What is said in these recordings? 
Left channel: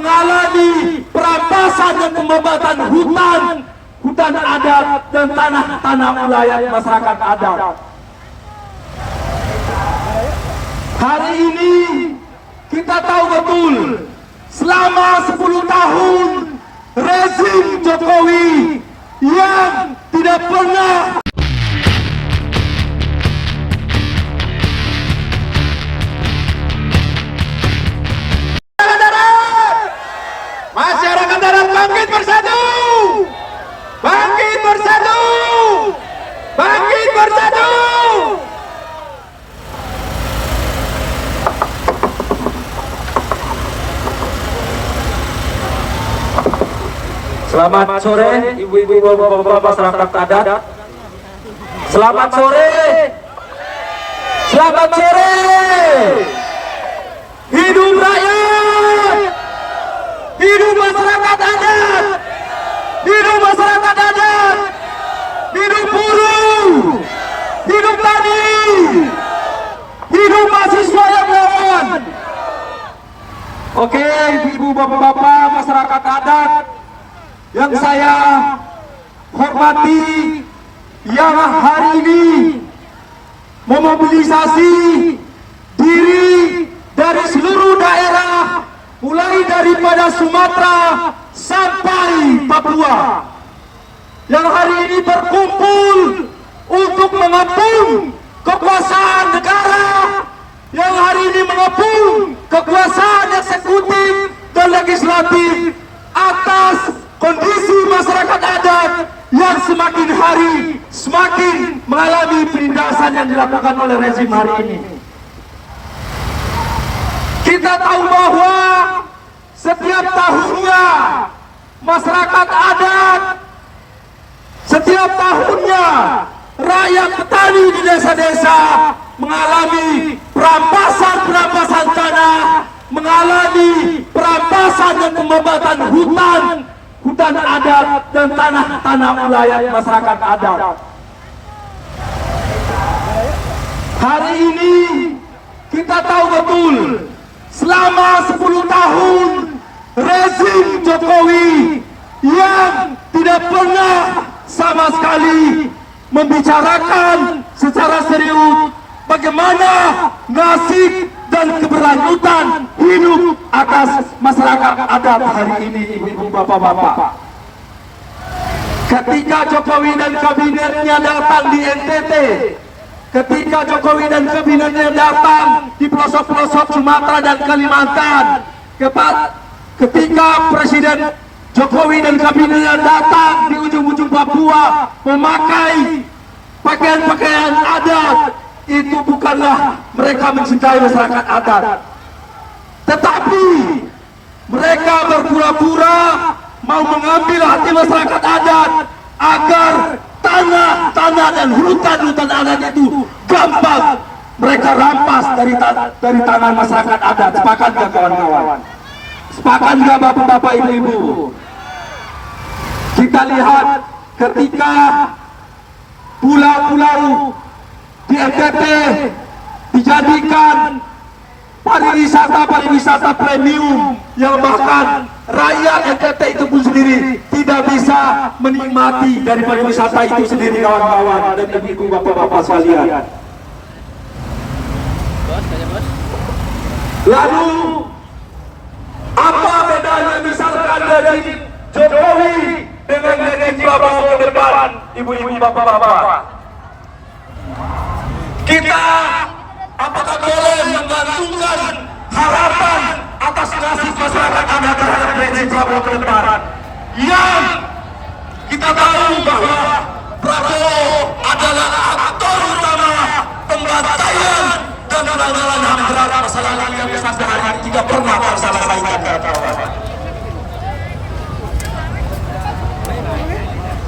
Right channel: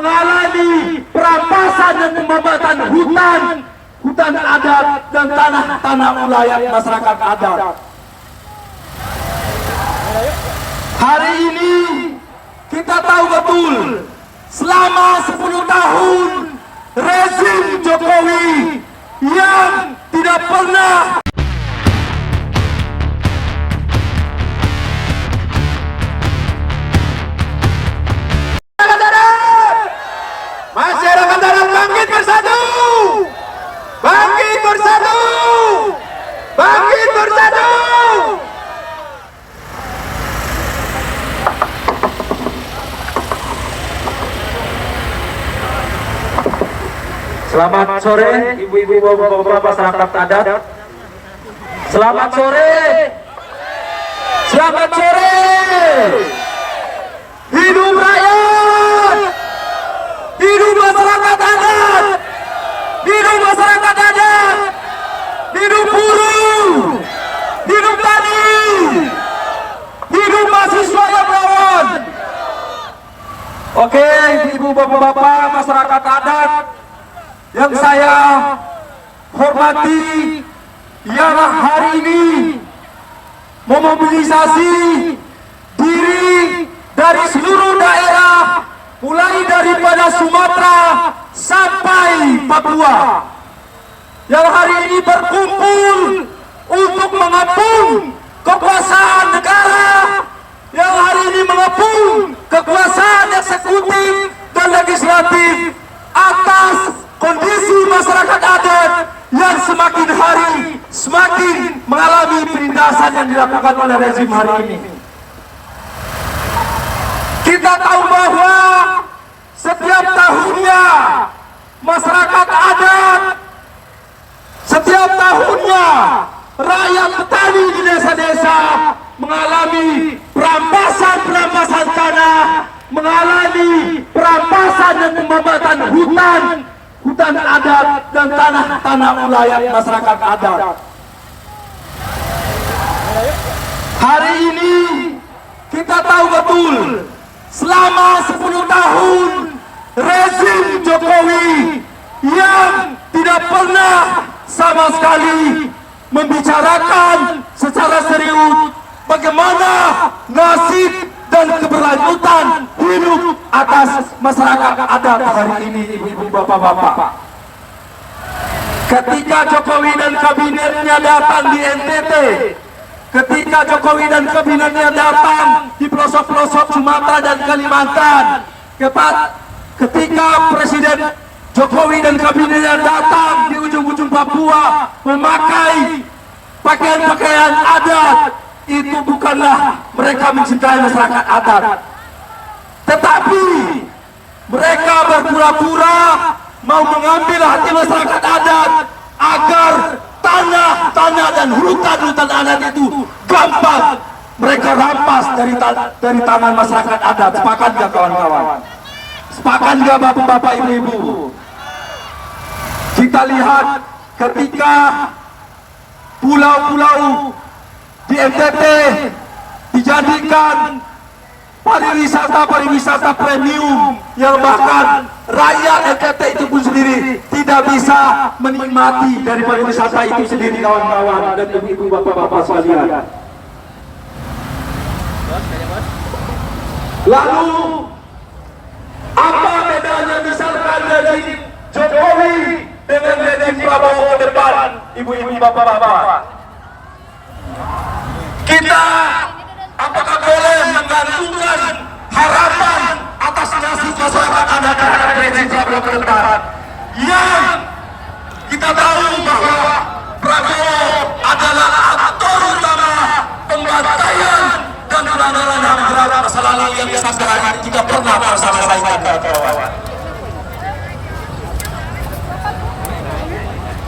mengalami perampasan dan pembabatan hutan adat dan tanah-tanah wilayah masyarakat adat. Hari ini kita tahu betul selama 10 tahun rezim Jokowi yang tidak pernah masyarakat darat bangkit bersatu, bangkit bersatu, bangkit bersatu. Selamat sore ibu-ibu, bapak-bapak masyarakat adat. Selamat sore. Selamat sore. Hidup rakyat. Hidup masyarakat adat. Hidup masyarakat adat. Hidup buruh. Hidup tani. Hidup mahasiswa yang melawan. Oke, ibu, bapak-bapak masyarakat adat yang saya hormati, yang hari ini memobilisasi diri dari seluruh daerah, mulai daripada Sumatera sampai Papua, yang hari ini berkumpul untuk mengepung kekuasaan negara, yang hari ini mengepung kekuasaan eksekutif dan legislatif atas kondisi masyarakat adat yang semakin hari semakin mengalami penindasan yang dilakukan oleh rezim hari ini. Kita tahu bahwa setiap tahunnya masyarakat adat, setiap tahunnya rakyat petani di desa-desa mengalami perampasan tanah, mengalami perampasan dan pembabatan hutan adat dan tanah-tanah wilayah masyarakat adat. Hari ini kita tahu betul selama 10 tahun rezim Jokowi yang tidak pernah sama sekali membicarakan secara serius bagaimana nasib dan keberlanjutan hidup atas masyarakat adat hari ini, ibu-ibu, bapak-bapak. Ketika Jokowi dan kabinetnya datang di NTT, ketika Jokowi dan kabinetnya datang di pelosok-pelosok Sumatera dan Kalimantan, ketika Presiden Jokowi dan kabinetnya datang di ujung-ujung Papua memakai pakaian-pakaian adat, itu bukanlah mereka mencintai masyarakat adat, tetapi mereka berpura-pura mau mengambil hati masyarakat adat agar tanah dan hutan adat itu gampang mereka rampas dari tangan masyarakat adat. Sepakat gak kawan-kawan? Sepakat gak bapak-bapak, ibu-ibu? Kita lihat ketika pulau-pulau di NTT dijadikan pariwisata premium, yang bahkan rakyat NTT itu pun sendiri tidak bisa menikmati dari pariwisata itu sendiri, kawan-kawan dan ibu-ibu, bapak-bapak sekalian. Lalu apa bedanya misalkan dari Jokowi dengan Prabowo ke depan, ibu-ibu, bapak-bapak? Kita apakah boleh menggantungkan harapan atas nasib masyarakat adat terhadap rezim Prabowo ke depan, yang kita tahu bahwa Prabowo adalah aktor utama pembantaian dan penanganan HAM berat masalah yang sampai hari ini juga pernah terselesaikan.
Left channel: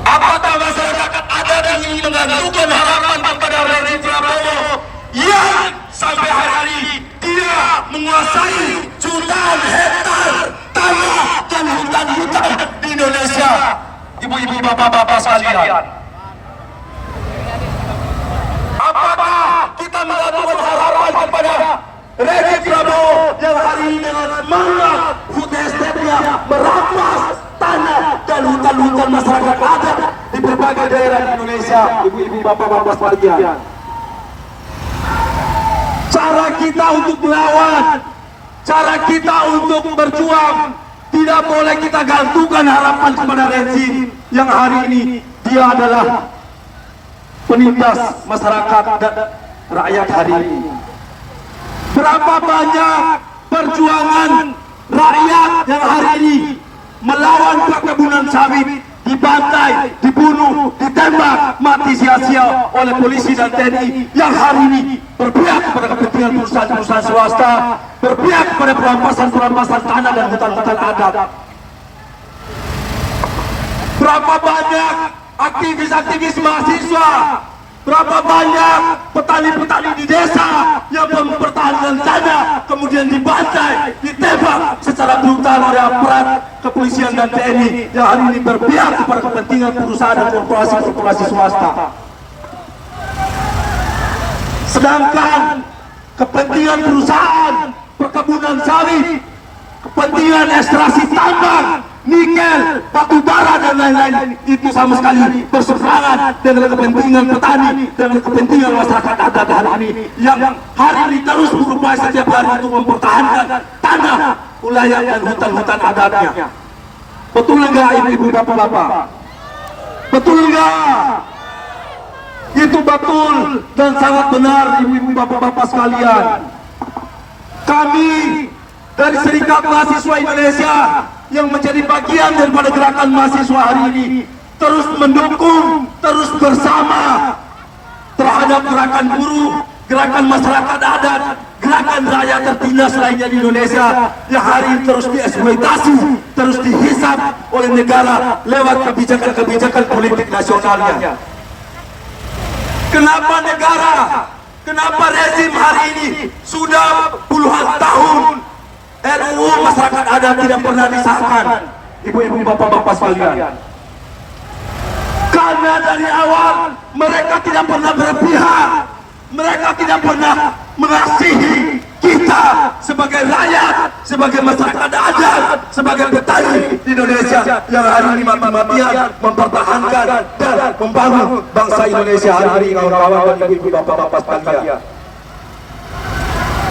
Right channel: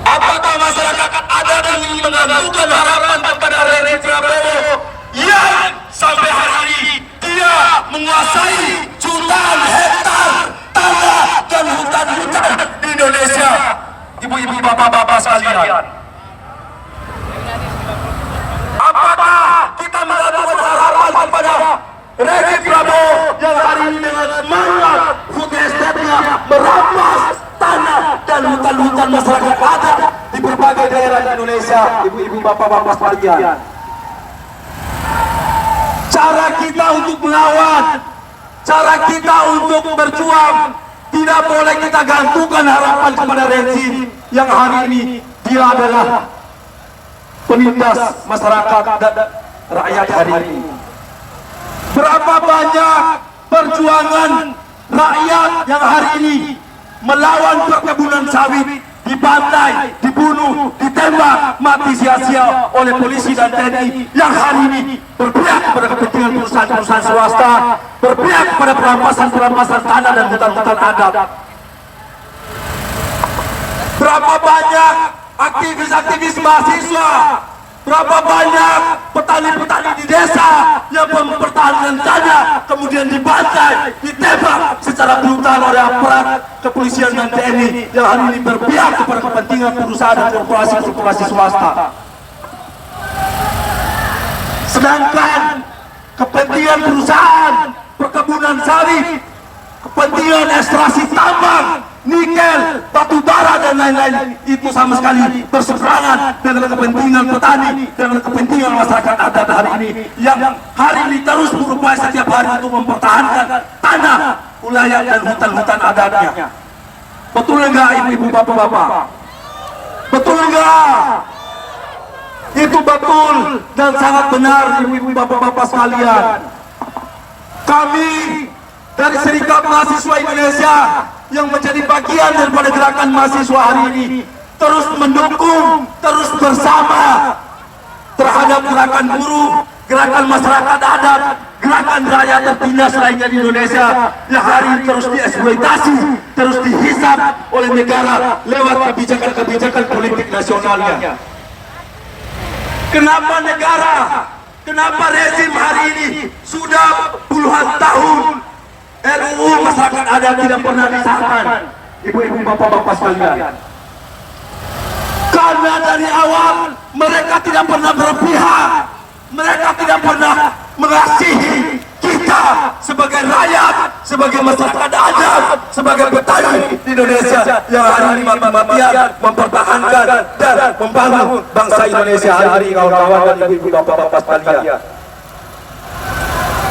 Apakah masyarakat adat ingin menggantungkan harapan kepada rezim Prabowo yang sampai hari ini dia menguasai jutaan hektar tanah dan hutan di Indonesia, ibu-ibu, bapak-bapak sekalian? Apakah kita melakukan harapan kepada rezim Prabowo yang hari ini dengan semangat food estate-nya merampas tanah dan hutan-hutan masyarakat adat di berbagai daerah di Indonesia. Ibu-ibu, bapak-bapak sekalian, cara kita untuk melawan, cara kita untuk berjuang, tidak boleh kita gantungkan harapan kepada rezim yang hari ini dia adalah penindas masyarakat dan rakyat hari ini. Berapa banyak perjuangan rakyat yang hari ini melawan perkebunan sawit dibantai, dibunuh, ditembak, mati sia-sia oleh polisi dan TNI yang hari ini berpihak kepada kepentingan perusahaan-perusahaan swasta, berpihak kepada perampasan-perampasan tanah dan hutan-hutan adat. Berapa banyak aktivis-aktivis mahasiswa, berapa banyak petani-petani di desa yang mempertahankan tanah kemudian dibantai, ditembak secara brutal oleh aparat kepolisian dan TNI yang hari ini berpihak kepada kepentingan perusahaan dan korporasi-korporasi swasta. Sedangkan kepentingan perusahaan perkebunan sawit, kepentingan ekstraksi tambang, nikel, batu bara dan lain-lain itu sama sekali berseberangan dengan kepentingan petani dan kepentingan masyarakat adat hari ini yang hari ini terus berupaya setiap hari untuk mempertahankan tanah, wilayah dan hutan-hutan adatnya. Betul enggak ibu-ibu, bapak-bapak? Betul enggak? Itu betul dan sangat benar ibu-ibu, bapak-bapak sekalian. Kami dari Serikat Mahasiswa Indonesia yang menjadi bagian daripada gerakan mahasiswa hari ini terus mendukung, terus bersama terhadap gerakan buruh, gerakan masyarakat adat, gerakan rakyat tertindas lainnya di Indonesia yang hari ini terus dieksploitasi, terus dihisap oleh negara lewat kebijakan-kebijakan politik nasionalnya. Kenapa negara, kenapa rezim hari ini sudah puluhan tahun RUU masyarakat adat tidak pernah disahkan, ibu-ibu, bapak-bapak sekalian? Karena dari awal mereka tidak pernah berpihak, mereka tidak pernah mengasihi kita sebagai rakyat, sebagai masyarakat adat, sebagai petani di Indonesia yang hari ini mati-matian mempertahankan dan membangun bangsa Indonesia hari ini, kawan-kawan dan ibu-ibu, bapak-bapak sekalian.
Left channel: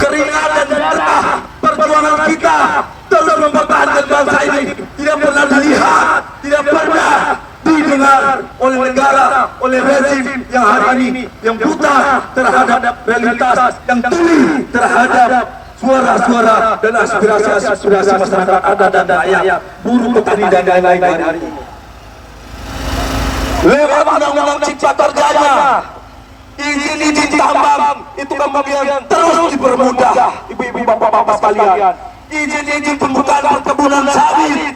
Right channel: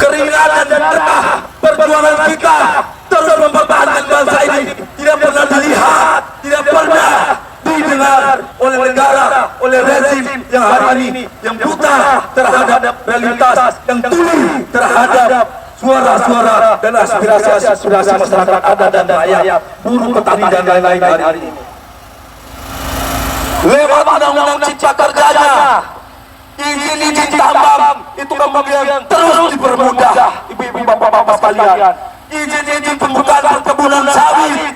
Keringat dan darah perjuangan kita terus mempertahankan bangsa ini tidak pernah dilihat, tidak pernah didengar oleh negara, oleh rezim yang hari ini yang buta terhadap realitas, yang tuli terhadap suara-suara dan aspirasi-aspirasi masyarakat adat dan rakyat, buruh, petani dan lain-lain hari ini. Lewat undang-undang cipta kerjanya, izin-izin tambang itu kemudian terus dipermudah, ibu-ibu, bapak-bapak sekalian. Izin-izin pembukaan perkebunan sawit,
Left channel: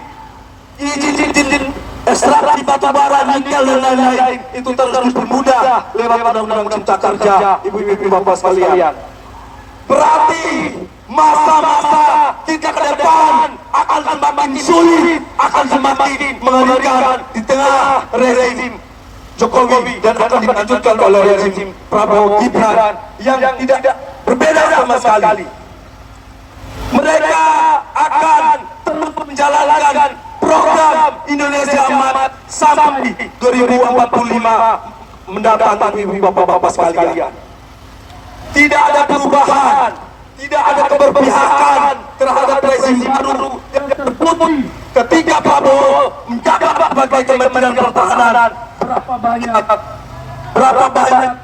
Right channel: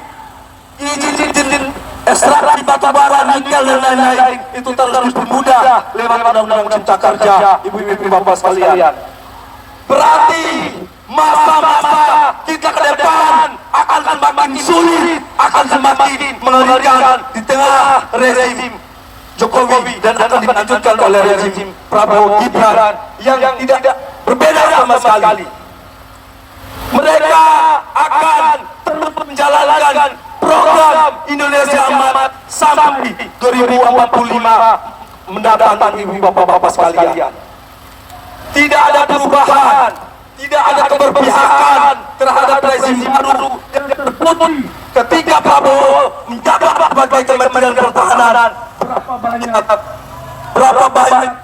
izin-izin ekstraksi batu bara, nikel dan lain-lain itu terus dipermudah lewat undang-undang cipta kerja, ibu-ibu, bapak sekalian. Berarti masa-masa kita ke depan akan semakin sulit, akan semakin mengerikan di tengah rezim Jokowi dan akan dilanjutkan oleh rezim Prabowo Gibran yang tidak berbeda sama sekali. Mereka akan terus menjalankan program Indonesia Emas sampai 2045 mendatang, ibu, bapak-bapak sekalian. Tidak ada perubahan, tidak ada keberpihakan terhadap rezim baru yang terbukti ketika Prabowo menjabat sebagai Kementerian Pertahanan. Berapa banyak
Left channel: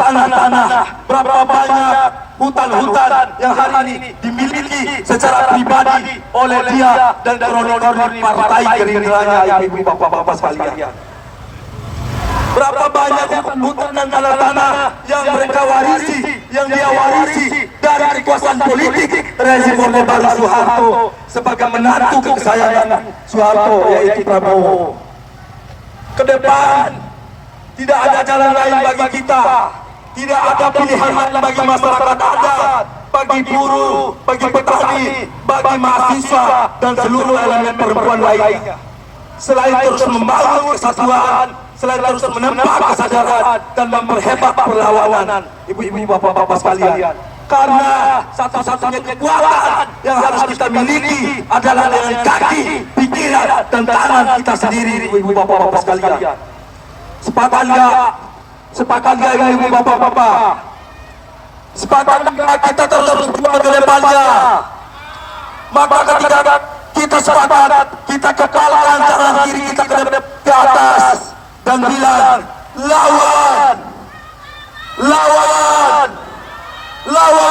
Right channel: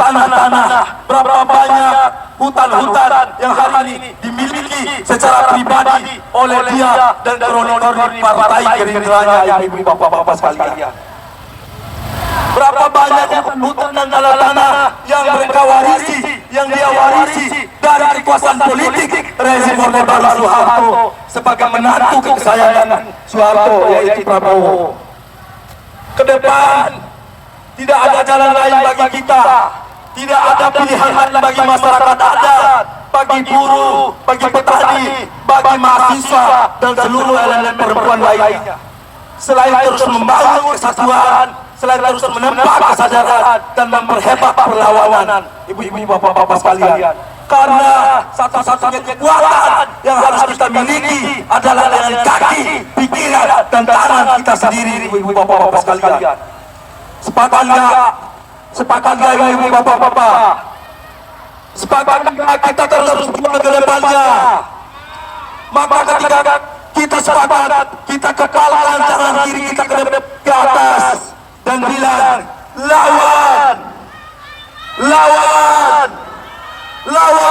tanah-tanah, berapa banyak hutan-hutan yang hari ini dimiliki secara pribadi oleh dia dan kroni-kroni partai Gerindranya, ibu, bapak-bapak sekalian. Berapa banyak hutan dan tanah-tanah yang mereka warisi, yang dia warisi dari kekuasaan politik rezim Orde Baru Soeharto sebagai menantu kesayangan Soeharto, yaitu Prabowo. Ke depan tidak ada jalan lain bagi kita, tidak ada pilihan lain bagi masyarakat adat, bagi buruh, bagi petani, bagi mahasiswa dan seluruh elemen perempuan lainnya, selain terus membangun kesatuan, selain terus menempa kesadaran dan memperhebat perlawanan, ibu-ibu, bapak-bapak sekalian. karena satu-satunya kekuatan yang harus kita miliki adalah dengan kaki, pikiran, dan tangan kita sendiri, ibu-ibu bapak-bapak sekalian. Sepakat nggak? Sepakat nggak ibu-ibu bapak-bapak? Sepakat nggak kita terus berjuang ke depannya? Maka ketika kita sepakat, kita kekalkan tangan kiri kita ke atas dan bilang, lawan, lawan, lawan.